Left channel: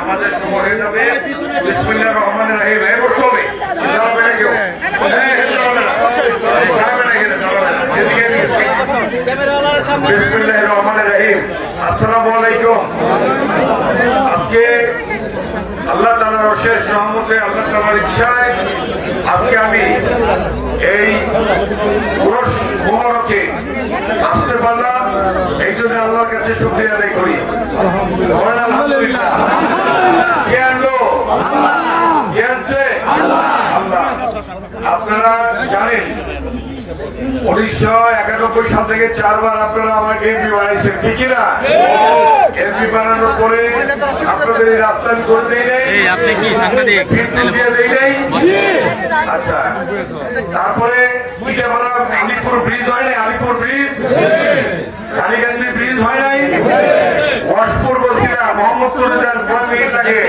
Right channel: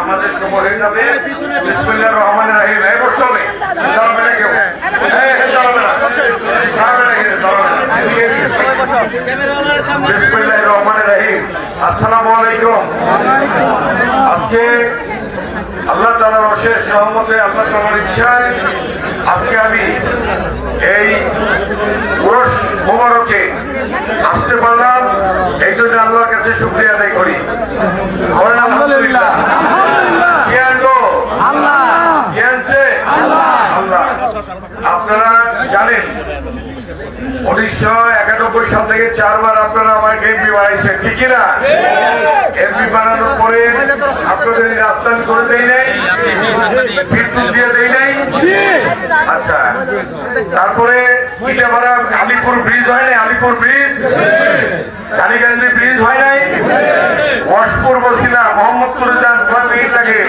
আমাদের সময় হয়ে যাবে। বিসমিল্লাহির রহমানির রহিম। এই বসতে হবে। বিসমিল্লাহির রহমানির রহিম। আসসালামু আলাইকুম। আজকে আল্লাহ তাআলার অশেষ রহমতে, আল্লাহ তাআলার ইচ্ছায় আজকে আমি এই উরস মোবারকে আসতে পারলাম। এই জন্য আল্লাহর কাছে শুকরিয়া আদায় করি। আলহামদুলিল্লাহ। কে আনলো? আল্লাহ। কে আনছে? আল্লাহ। আপনারা জানেন 1991 সাল থেকে 4 বার আপনারা আমাকে এমপি বানাইছেন, ঠিক না? এমপি বানানোর পরে আপনাদের রাস্তা করে দেয় নাই, বিদ্যুৎ দিয়ে দেয় নাই। আচ্ছা, তারপরে এটা ভাড়া আলিপুর ব্রিজ হয় নাই, আলিপুর ব্রিজ, কালীগঞ্জ ব্রিজ হয় নাই, ওয়াশপুর বসিলা মোহাম্মদপুরে যান 5 মিনিট লাগে,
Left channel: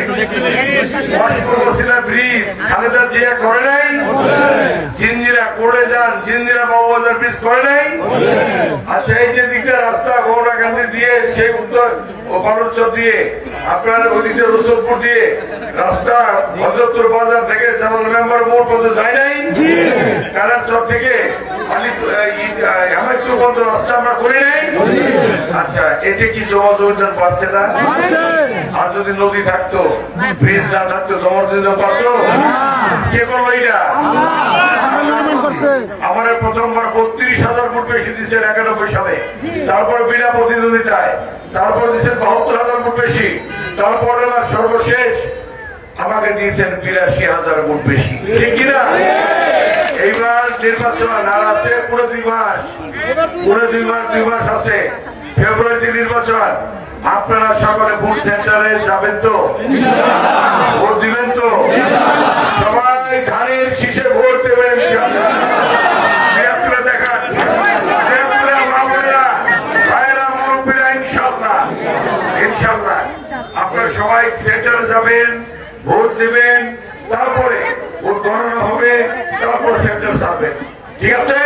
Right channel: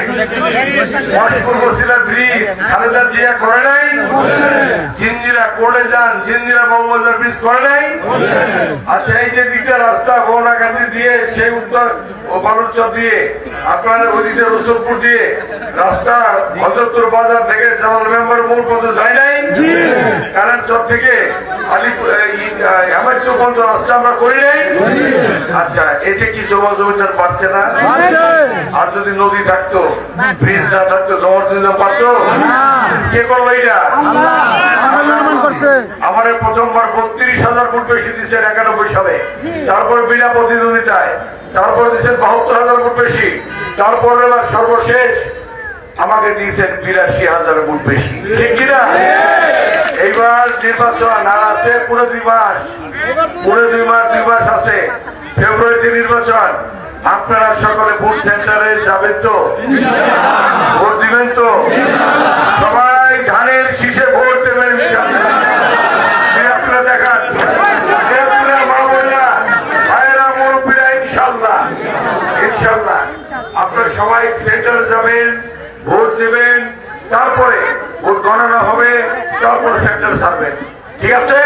ওয়াশপুর বসিলা ব্রিজ খালেদা জিয়া করে নাই, জিঞ্জিরা কোর্টে যান, জিঞ্জিরা বাবুবাজার ব্রিজ করে নাই। আচ্ছা, এই যে দিকটা রাস্তা গৌরা গান্ধী দিয়ে সেই উত্তর ও বালুরচর দিয়ে আপনারা ওদিকে রসুলপুর দিয়ে রাস্তা হযরতপুর বাজার থেকে জামাল মেম্বার মোড় পর্যন্ত যায় নাই, কারণ সব থেকে হেমায়তপুর পর্যন্ত রাস্তা আমরা করি নাই। আচ্ছা, এতে কি জমা জমিদার পারছে না? আর যদি নদী থাকতো, ব্রিজ না থাকতো, জমা জমিদার পারতো? কে করলো এটা? আমার প্রথমবার 32,000 ভোট বেশি দিচ্ছেন 91 সালে, তারপর বিনা প্রতিদ্বন্দ্বিতায়, তারপর দিচ্ছেন 72,000 ভোট বেশি, তারপর এবার সর্বশেষ আমাকে দিয়েছেন 82,000 ভোট বেশি, ঠিক কিনা? এইবার নির্বাচন আর আছে পুরো 2 মাস, পুরো 2 মাস আছে। ফেব্রুয়ারিতে নির্বাচন। আপনারা সকলে ভোট সেন্টারে যাবেন তো? ভোট দিবেন তো? সবাই ধানের শীষে ভোট দেবেন। দেখান ইনশাল্লাহ, ইনশাল্লাহ আপনারা সবাই সেন্টারে যাবেন, ভোট দেবেন, তারপরে ভোট গণনা হবে, তারপর সেন্টার ছাড়বেন, ঠিক আছে?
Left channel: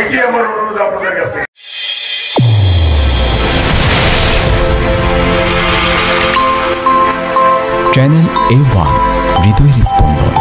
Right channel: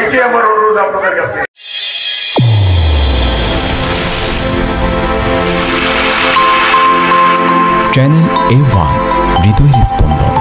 এটি আমার অনুরোধ আপনাদের কাছে। চ্যানেল A1 হৃদয়ের স্পন্দন।